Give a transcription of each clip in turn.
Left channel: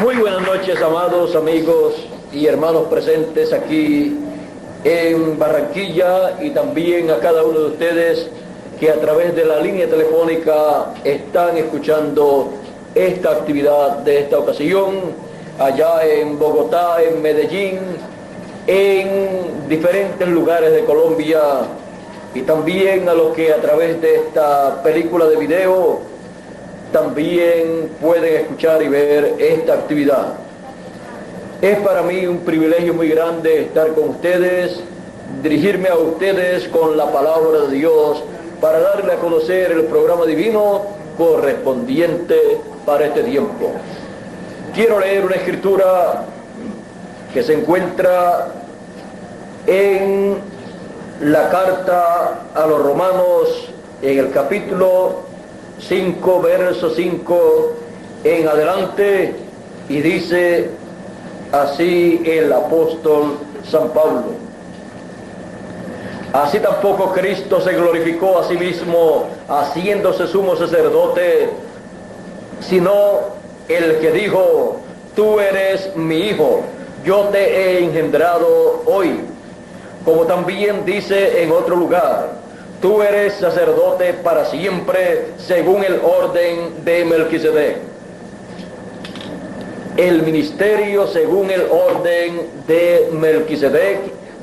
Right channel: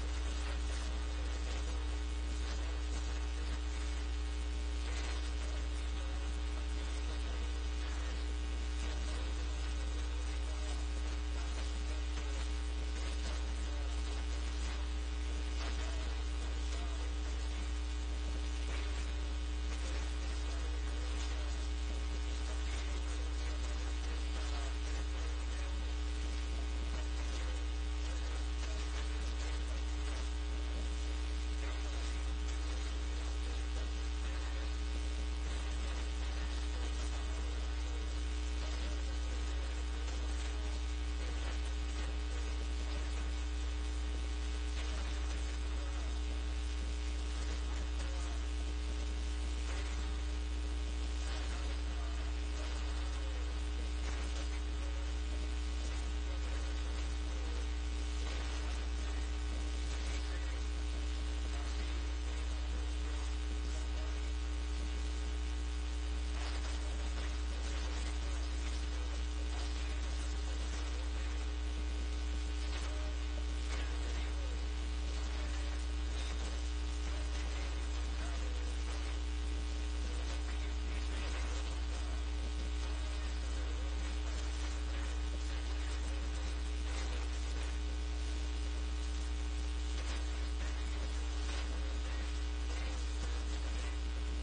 Muy buenas noches, amados amigos y hermanos presentes aquí en Barranquilla, y también a cada uno de ustedes que a través de la línea telefónica están escuchando esta actividad de esta ocasión, allá en Bogotá, en Medellín, en diferentes lugares de Colombia, y también a los que a través de esta película de video también pueden escuchar y ver esta actividad. Es para mí un privilegio muy grande estar con ustedes, dirigirme a ustedes con la palabra de Dios para darle a conocer el programa divino correspondiente para este tiempo. Quiero leer una escritura que se encuentra en la carta a los Romanos, en el capítulo 5, verso 5 en adelante, y dice así el apóstol San Pablo: así tampoco Cristo se glorificó a sí mismo haciéndose sumo sacerdote, sino el que dijo: tú eres mi hijo, yo te he engendrado hoy. Como también dice en otro lugar: tú eres sacerdote para siempre según el orden de Melquisedec. El ministerio según el orden de Melquisedec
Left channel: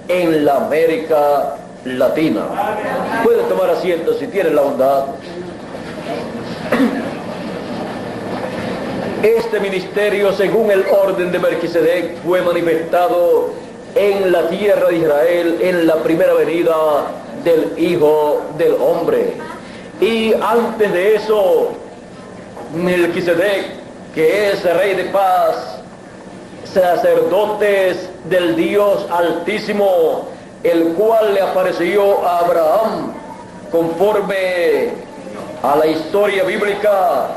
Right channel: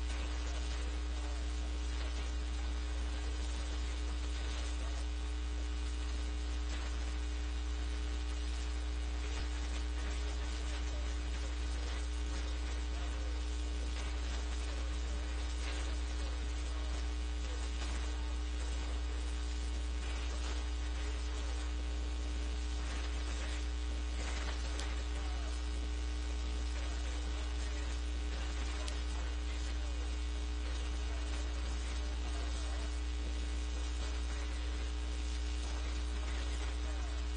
en la América Latina. Pueden tomar asiento si tienen la bondad. Este ministerio según el orden de Melquisedec fue manifestado en la tierra de Israel en la primera venida del Hijo del Hombre. Y antes de eso, Melquisedec, que es rey de paz, sacerdotes del Dios Altísimo, el cual le apareció a Abraham conforme a la historia bíblica.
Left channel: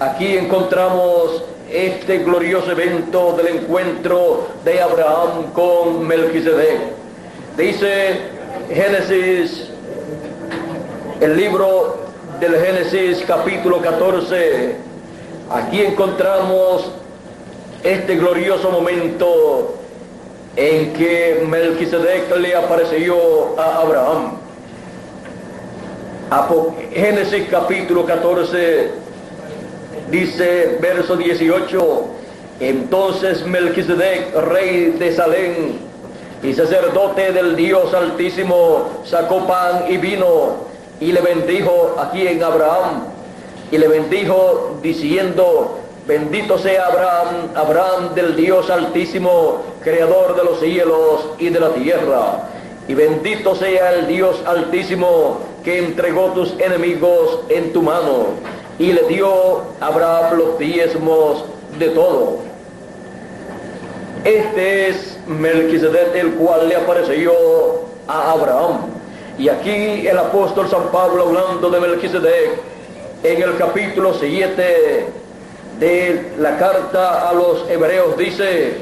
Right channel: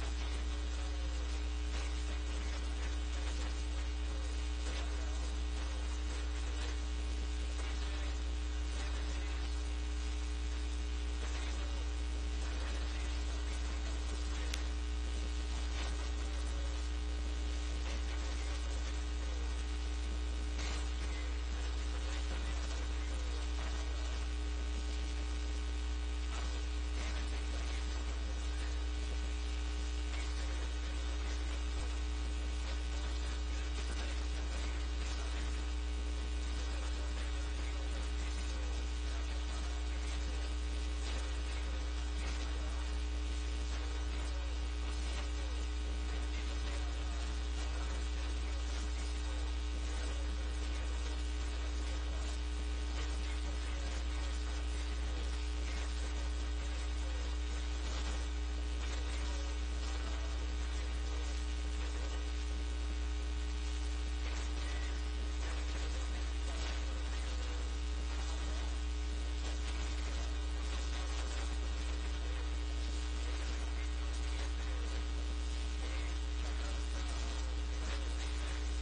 Aquí encontramos este glorioso evento del encuentro de Abraham con Melquisedec. Dice Génesis, el libro del Génesis capítulo 14, aquí encontramos este glorioso momento en que Melquisedec le apareció a Abraham. Génesis capítulo 14 dice, verso 18: entonces Melquisedec, rey de Salem y sacerdote del Dios Altísimo, sacó pan y vino y le bendijo aquí en Abraham, y le bendijo diciendo: bendito sea Abraham, Abraham del Dios Altísimo, creador de los cielos y de la tierra, y bendito sea el Dios Altísimo que entregó tus enemigos en tu mano. Y le dio a Abraham los diezmos de todo. Este es Melquisedec, el cual le apareció a Abraham. Y aquí el apóstol San Pablo, hablando de Melquisedec, en el capítulo 7 de la carta a los Hebreos, dice:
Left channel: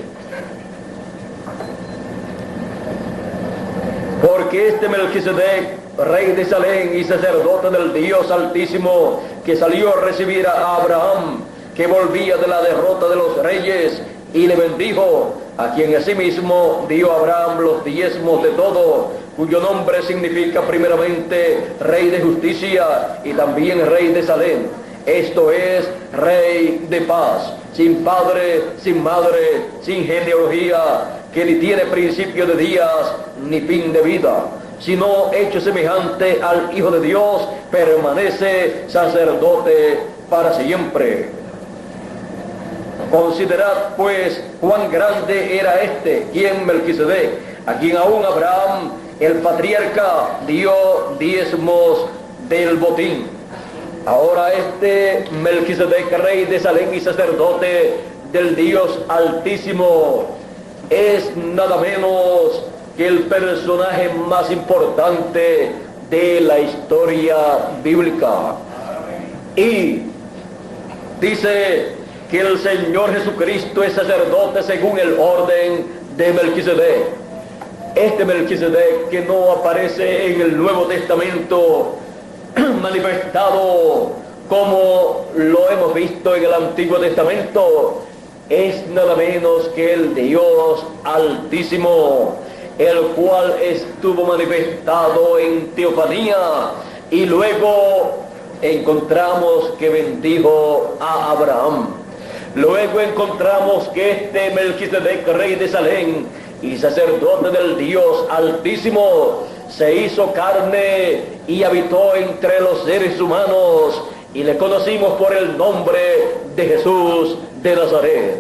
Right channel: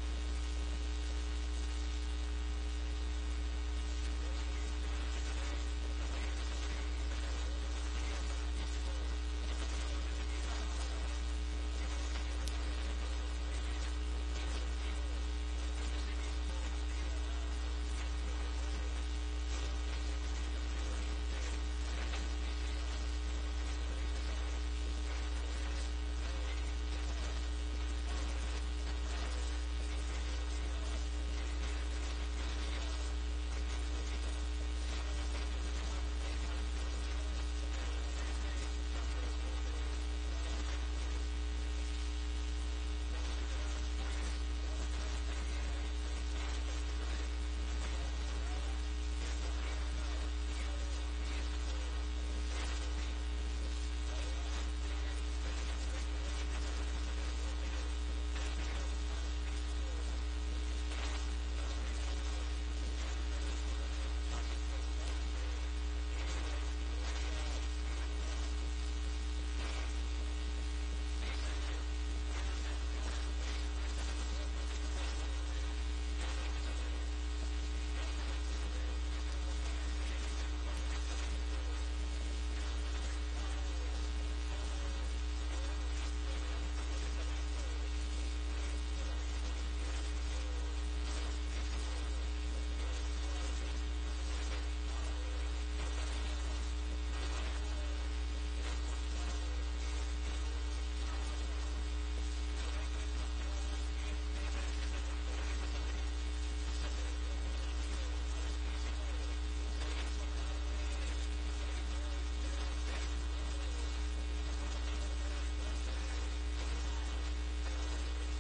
porque este Melquisedec, rey de Salem y sacerdote del Dios Altísimo, que salió a recibir a Abraham, que volvía de la derrota de los reyes, y le bendijo, a quien asimismo dio a Abraham los diezmos de todo, cuyo nombre significa primeramente Rey de Justicia y también Rey de Salem, esto es, Rey de Paz, sin padre, sin madre, sin genealogía, que ni tiene principio de días ni fin de vida, sino hecho semejante al Hijo de Dios, permanece sacerdote para siempre. Considerad pues cuán grande era este, quien Melquisedec, a quien aún Abraham, el patriarca, dio diezmos del botín. Ahora este Melquisedec, rey de Salem y sacerdote del Dios Altísimo, es nada menos que el personaje más importante de la historia bíblica. Y dice que el Señor Jesucristo es sacerdote según el orden de Melquisedec. Este Melquisedec que no aparece en el Nuevo Testamento manifestado como lo hemos visto en el Antiguo Testamento, es nada menos que el Dios Altísimo, el cual estuvo manifestado en teofanía, y luego encontramos que bendijo a Abraham. Luego encontramos que este Melquisedec, rey de Salem y sacerdote del Dios Altísimo, se hizo carne y habitó entre los seres humanos, y le conocimos por el nombre de Jesús de Nazaret.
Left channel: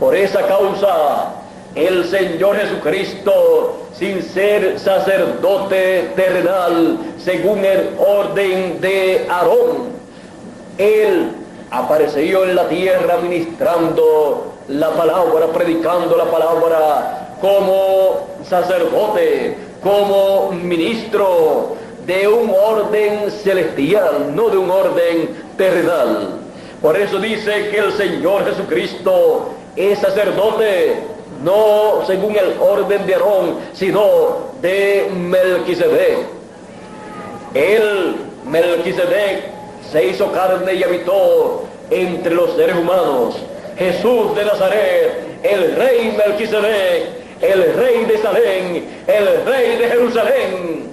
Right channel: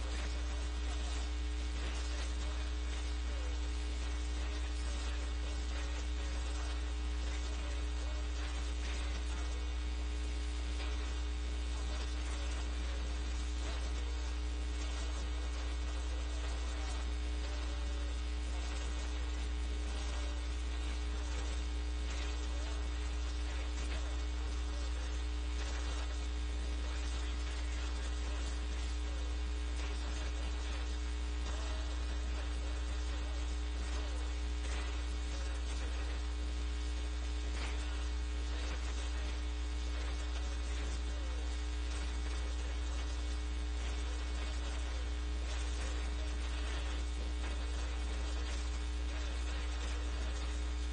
Por esa causa, el Señor Jesucristo, sin ser sacerdote terrenal según el orden de Aarón, Él apareció en la tierra ministrando la palabra, predicando la palabra como sacerdote, como ministro de un orden celestial, no de un orden terrenal. Por eso dice que el Señor Jesucristo es sacerdote, no según el orden de Aarón, sino de Melquisedec. El Melquisedec se hizo carne y habitó entre los seres humanos. Jesús de Nazaret, el rey Melquisedec, el rey de Salem, el rey de Jerusalén,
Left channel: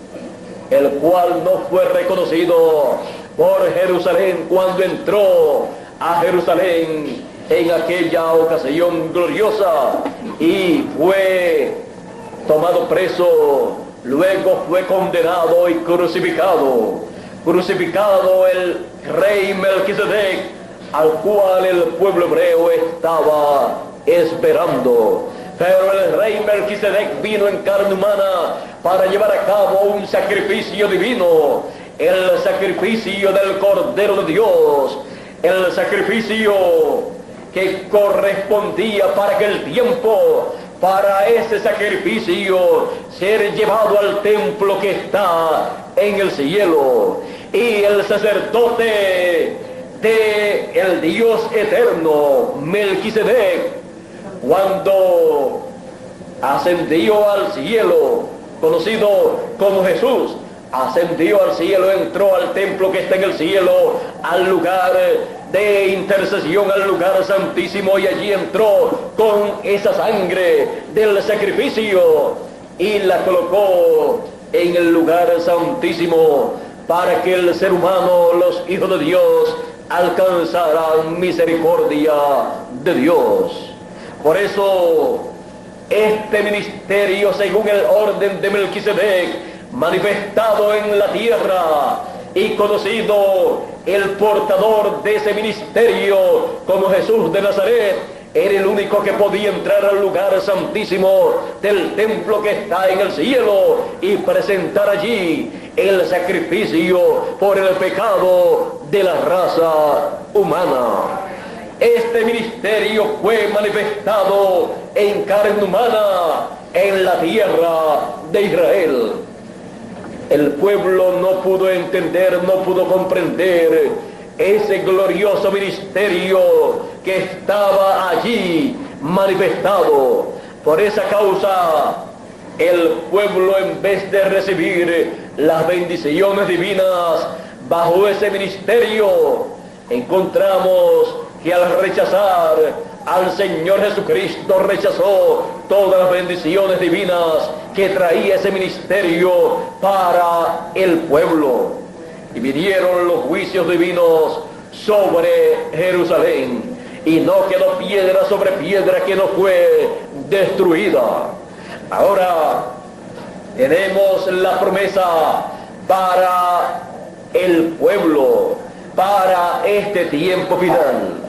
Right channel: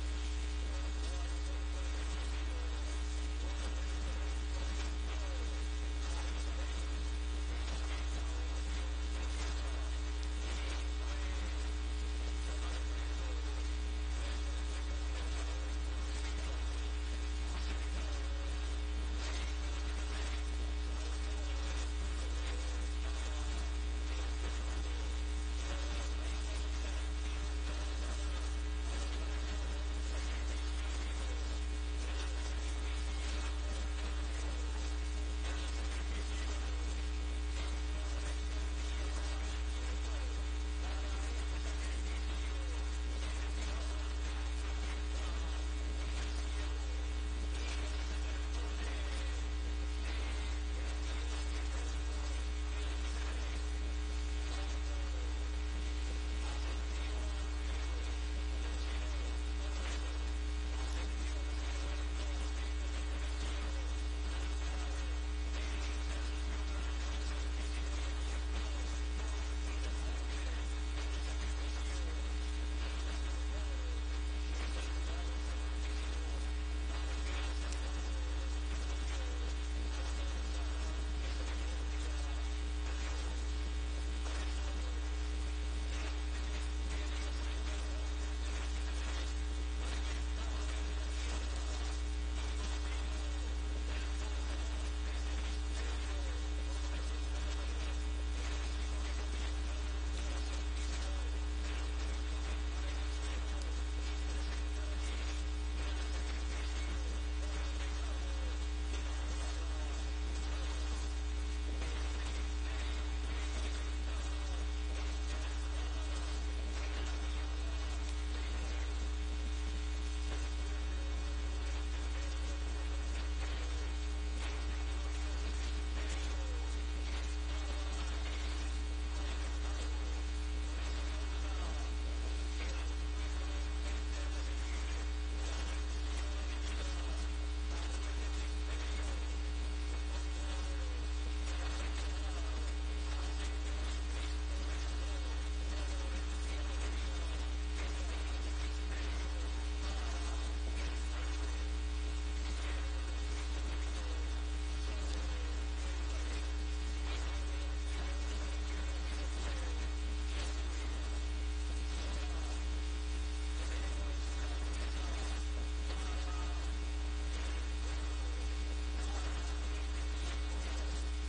el cual no fue reconocido por Jerusalén cuando entró a Jerusalén en aquella ocasión gloriosa y fue tomado preso, luego fue condenado y crucificado el rey Melquisedec, al cual el pueblo hebreo estaba esperando. Pero el rey Melquisedec vino en carne humana para llevar a cabo un sacrificio divino, el sacrificio del Cordero de Dios, el sacrificio que correspondía para aquel tiempo, para ese sacrificio ser llevado al templo que está en el cielo. Y el sacerdote de el Dios eterno, Melquisedec, cuando ascendió al cielo, conocido como Jesús, ascendió al cielo, entró al templo que está en el cielo, al lugar de intercesión, al lugar santísimo, y allí entró con esa sangre del sacrificio y la colocó en el lugar santísimo para que el ser humano, los hijos de Dios, alcanzaran misericordia de Dios. Por eso este ministerio, según el orden de Melquisedec, manifestado en la tierra y conocido el portador de ese ministerio como Jesús de Nazaret, era el único que podía entrar al lugar santísimo del templo que está en el cielo y presentar allí el sacrificio por el pecado de la raza humana. Este ministerio fue manifestado en carne humana en la tierra de Israel. El pueblo no pudo entender, no pudo comprender ese glorioso ministerio que estaba allí manifestado. Por esa causa, el pueblo, en vez de recibir las bendiciones divinas bajo ese ministerio, encontramos que al rechazar al Señor Jesucristo, rechazó todas las bendiciones divinas que traía ese ministerio para el pueblo. Y vinieron los juicios divinos sobre Jerusalén, y no quedó piedra sobre piedra que no fue destruida. Ahora tenemos la promesa para el pueblo, para este tiempo final.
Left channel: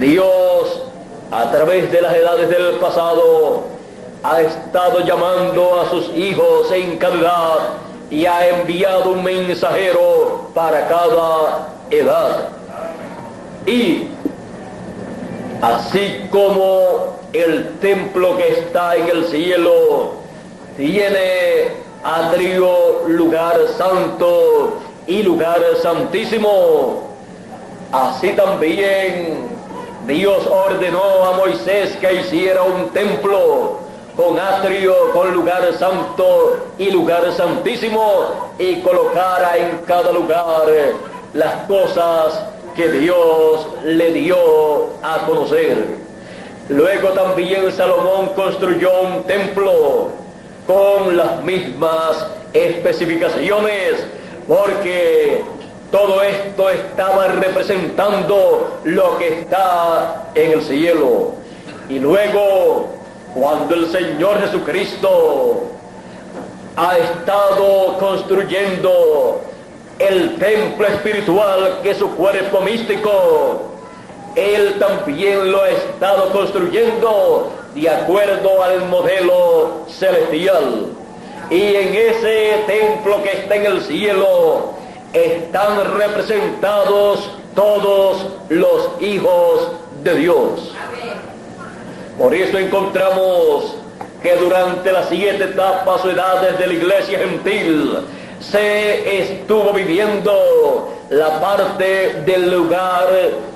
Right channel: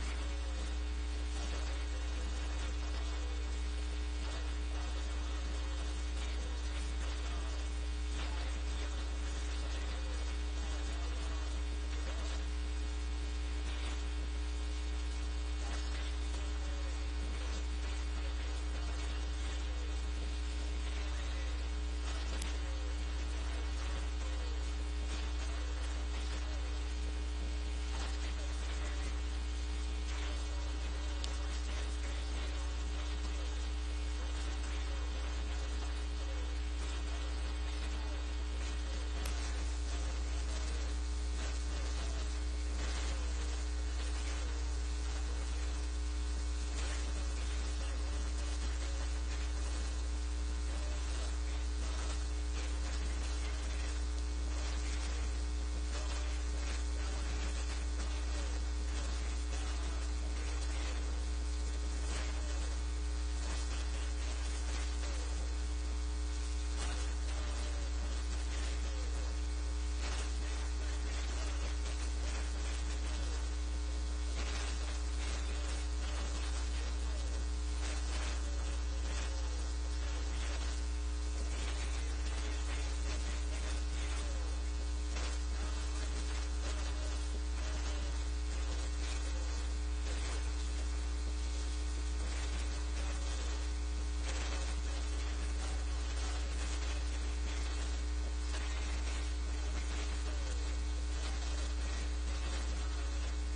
Dios, a través de las edades del pasado, ha estado llamando a sus hijos en cada edad y ha enviado un mensajero para cada edad. Y así como el templo que está en el cielo tiene atrio, lugar santo y lugar santísimo, así también Dios ordenó a Moisés que hiciera un templo con atrio, con lugar santo y lugar santísimo, y colocara en cada lugar las cosas que Dios le dio a conocer. Luego también Salomón construyó un templo con las mismas especificaciones, porque todo esto estaba representando lo que está en el cielo. Y luego, cuando el Señor Jesucristo ha estado construyendo el templo espiritual, que es su cuerpo místico, Él también lo ha estado construyendo de acuerdo al modelo celestial. Y en ese templo que está en el cielo están representados todos los hijos de Dios. Por eso encontramos que durante las 7 etapas o edades de la iglesia gentil se estuvo viviendo la parte del lugar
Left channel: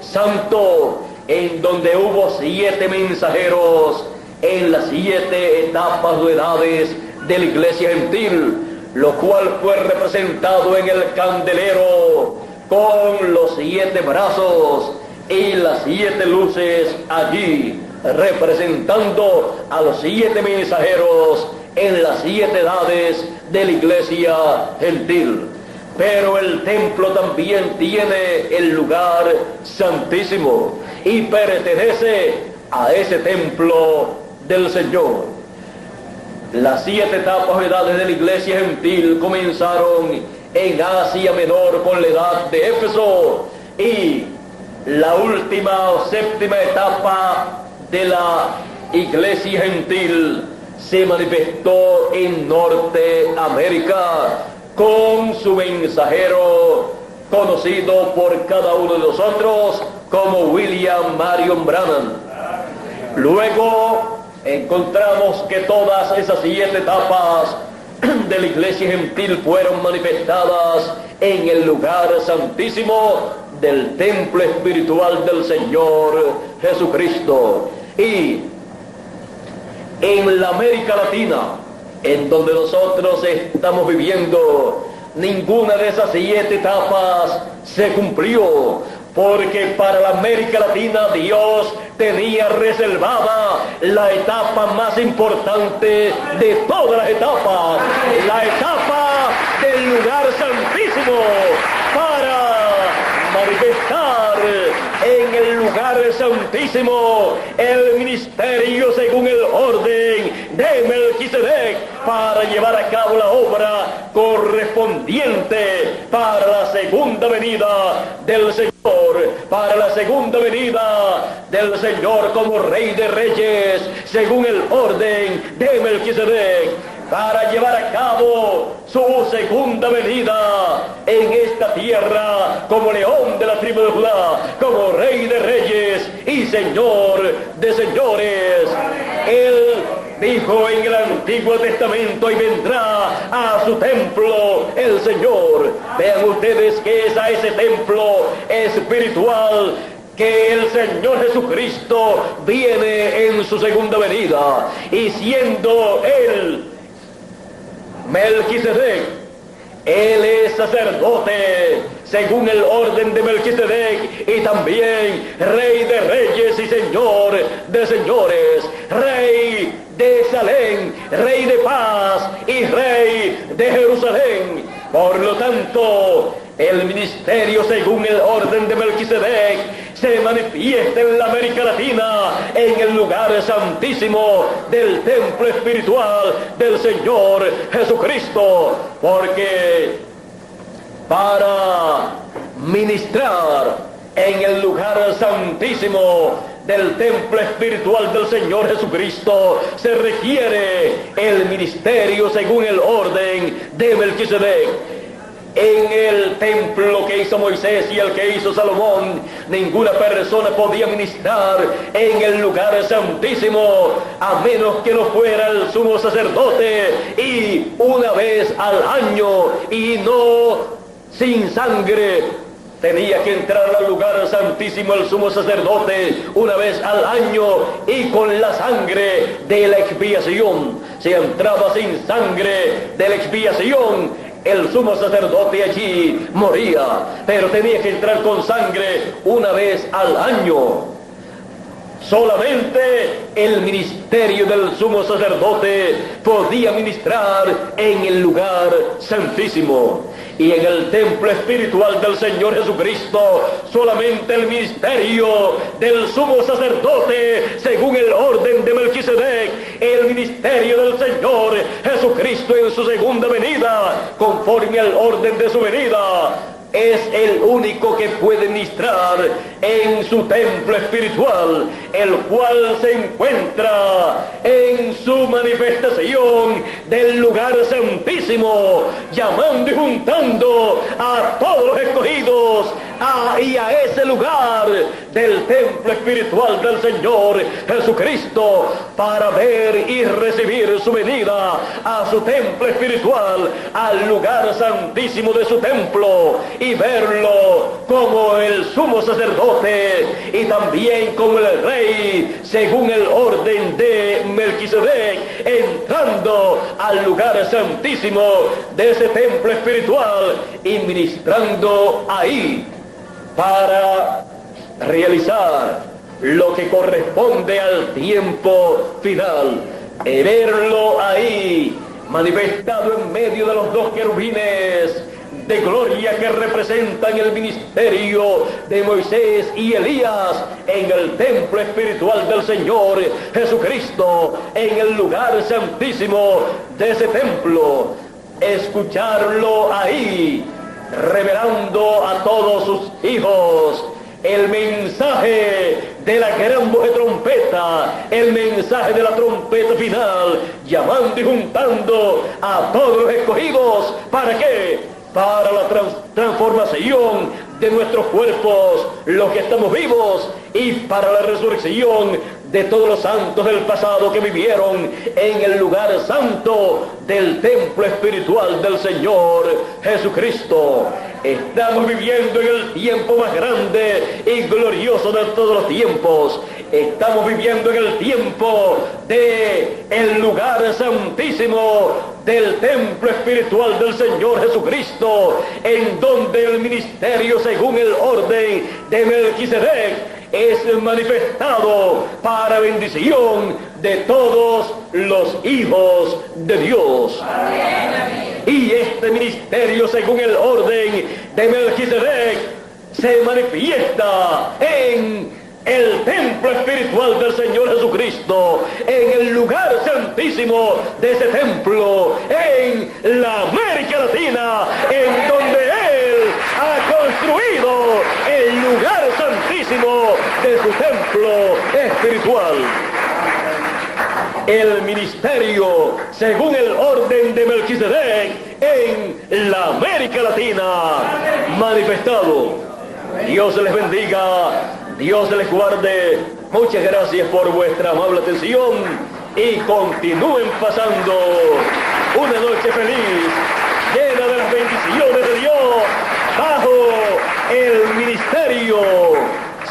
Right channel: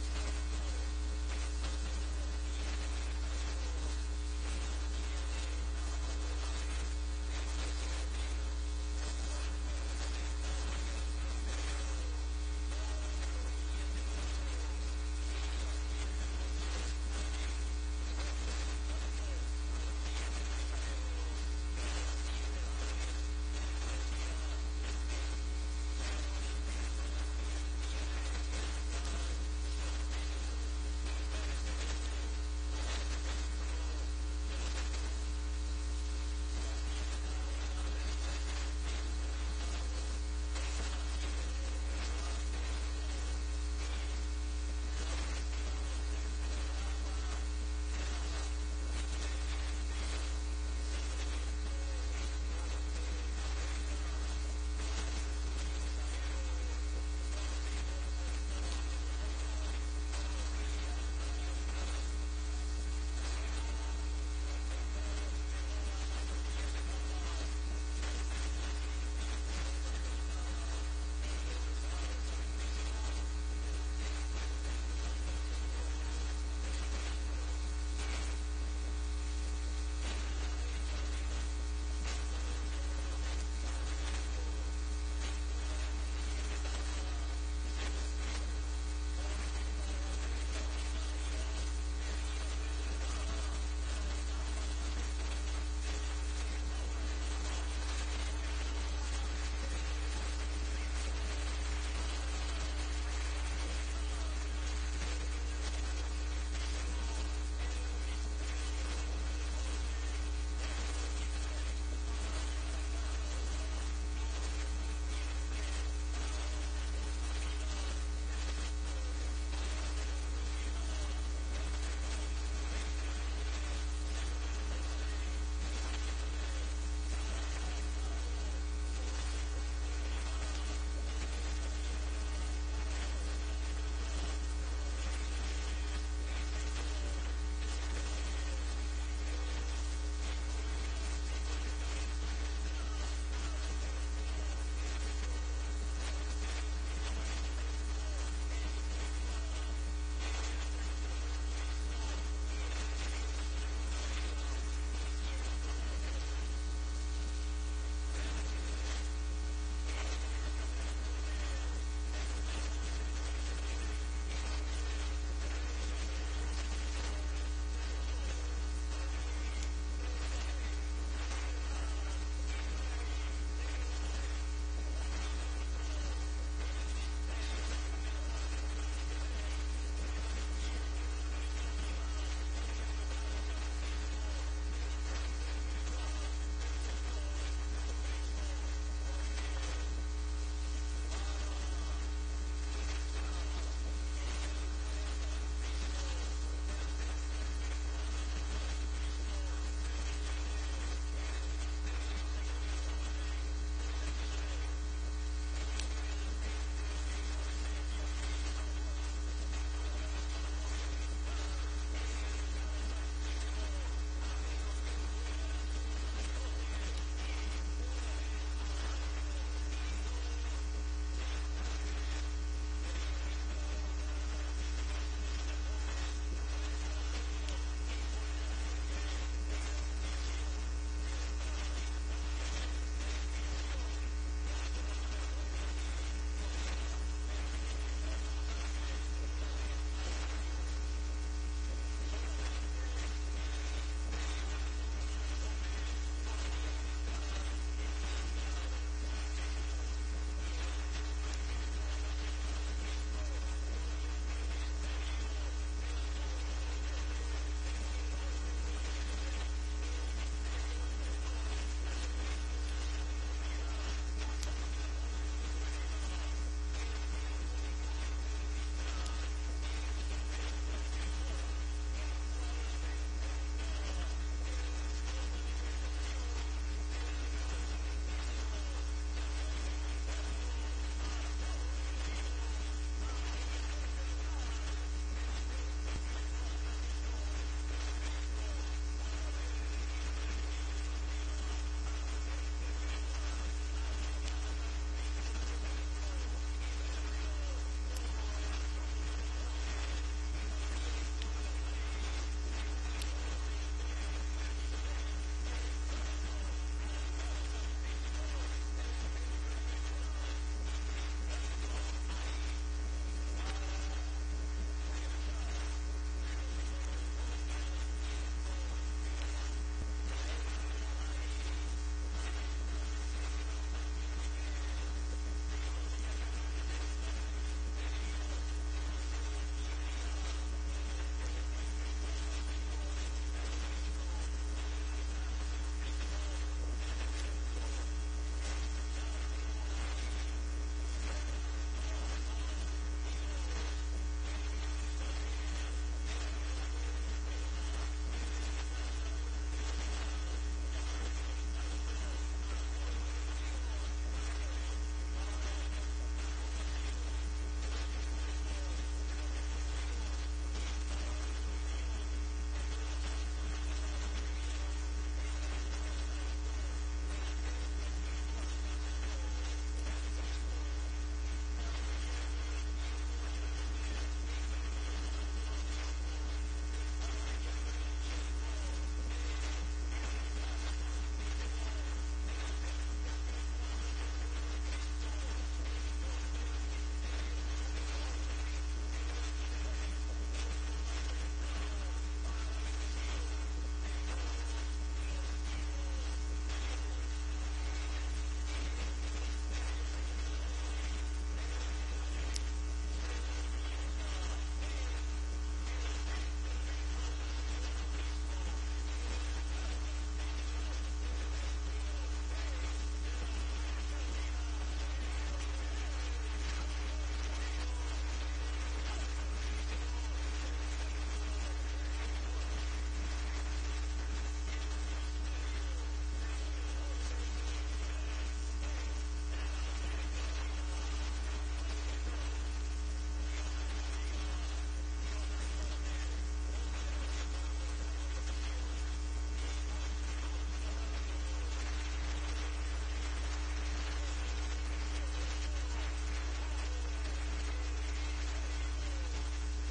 santo, en donde hubo 7 mensajeros en las 7 etapas o edades de la iglesia gentil, lo cual fue representado en el candelero con los 7 brazos y las 7 luces allí, representando a los 7 mensajeros en las 7 edades de la iglesia gentil. Pero el templo también tiene el lugar santísimo y pertenece a ese templo del Señor. Las 7 etapas o edades de la iglesia gentil comenzaron en Asia Menor con la edad de Éfeso, y la última o 7ª etapa de la iglesia gentil se manifestó en Norteamérica con su mensajero, conocido por cada uno de nosotros como William Marion Branham. Luego encontramos que todas esas 7 etapas de la iglesia gentil fueron manifestadas en el lugar santísimo del templo espiritual del Señor Jesucristo. Y en la América Latina, en donde nosotros estamos viviendo, ninguna de esas 7 etapas se cumplió, porque para la América Latina Dios tenía reservada la etapa más importante de todas las etapas, la etapa del lugar santísimo, para manifestar en el lugar santísimo el ministerio según el orden de Melquisedec, para llevar a cabo la obra correspondiente para la segunda venida del Señor, para la segunda venida del Señor como Rey de Reyes, según el orden de Melquisedec, para llevar a cabo su segunda venida en esta tierra como León de la tribu de Judá, como Rey de Reyes y Señor de señores. Él dijo en el Antiguo Testamento: y vendrá a su templo el Señor. Vean ustedes que es a ese templo espiritual que el Señor Jesucristo viene en su segunda venida, y siendo Él Melquisedec, Él es sacerdote según el orden de Melquisedec, y también Rey de Reyes y Señor de señores, Rey de Salem, Rey de paz y Rey de Jerusalén. Por lo tanto, el ministerio según el orden de Melquisedec se manifiesta en la América Latina en el lugar santísimo del templo espiritual del Señor Jesucristo, porque para ministrar en el lugar santísimo del templo espiritual del Señor Jesucristo se requiere el ministerio según el orden de Melquisedec. En el templo que hizo Moisés y el que hizo Salomón, ninguna persona podía ministrar en el lugar santísimo a menos que no fuera el sumo sacerdote, y una vez al año, y no sin sangre. Tenía que entrar al lugar santísimo el sumo sacerdote una vez al año, y con la sangre de la expiación. Si entraba sin sangre de la expiación, el sumo sacerdote allí moría, pero tenía que entrar con sangre una vez al año. Solamente el ministerio del sumo sacerdote podía ministrar en el lugar santísimo. Y en el templo espiritual del Señor Jesucristo, solamente el ministerio del sumo sacerdote, según el orden de Melquisedec, el ministerio del Señor Jesucristo en su segunda venida, conforme al orden de su venida, es el único que puede ministrar en su templo espiritual, el cual se encuentra en su manifestación del lugar santísimo, llamando y juntando a todos los escogidos y a ese lugar del templo espiritual del Señor Jesucristo, para ver y recibir su venida a su templo espiritual, al lugar santísimo de su templo, y verlo como el sumo sacerdote y también como el rey, según el orden de Melquisedec, entrando al lugar santísimo de ese templo espiritual y ministrando ahí para realizar lo que corresponde al tiempo final, y verlo ahí manifestado en medio de los dos querubines de gloria que representan el ministerio de Moisés y Elías en el templo espiritual del Señor Jesucristo, en el lugar santísimo de ese templo, escucharlo ahí revelando a todos sus hijos el mensaje de la gran voz de trompeta, el mensaje de la trompeta final, llamando y juntando a todos los escogidos. ¿Para qué? Para la transformación de nuestros cuerpos, los que estamos vivos, y para la resurrección de todos los santos del pasado que vivieron en el lugar santo del templo espiritual del Señor Jesucristo. Estamos viviendo en el tiempo más grande y glorioso de todos los tiempos. Estamos viviendo en el tiempo de el lugar santísimo del templo espiritual del Señor Jesucristo, en donde el ministerio, según el orden de Melquisedec, es manifestado para bendición de todos los hijos de Dios. Amén. Y este ministerio, según el orden de Melquisedec, se manifiesta en el templo espiritual del Señor Jesucristo, en el lugar santísimo de ese templo, en la América Latina, en donde Él ha construido el lugar santísimo de su templo espiritual. El ministerio, según el orden de Melquisedec, en la América Latina, manifestado. Dios les bendiga, Dios les guarde. Muchas gracias por vuestra amable atención y continúen pasando una noche feliz, llena de las bendiciones de Dios, bajo el ministerio,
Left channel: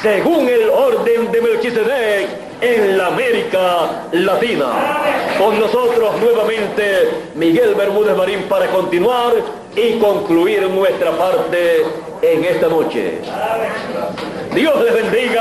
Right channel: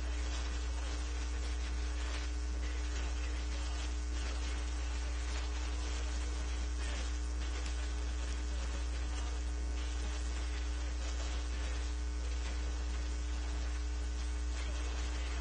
según el orden de Melquisedec, en la América Latina. Con nosotros nuevamente Miguel Bermúdez Marín para continuar y concluir nuestra parte en esta noche. Dios les bendiga.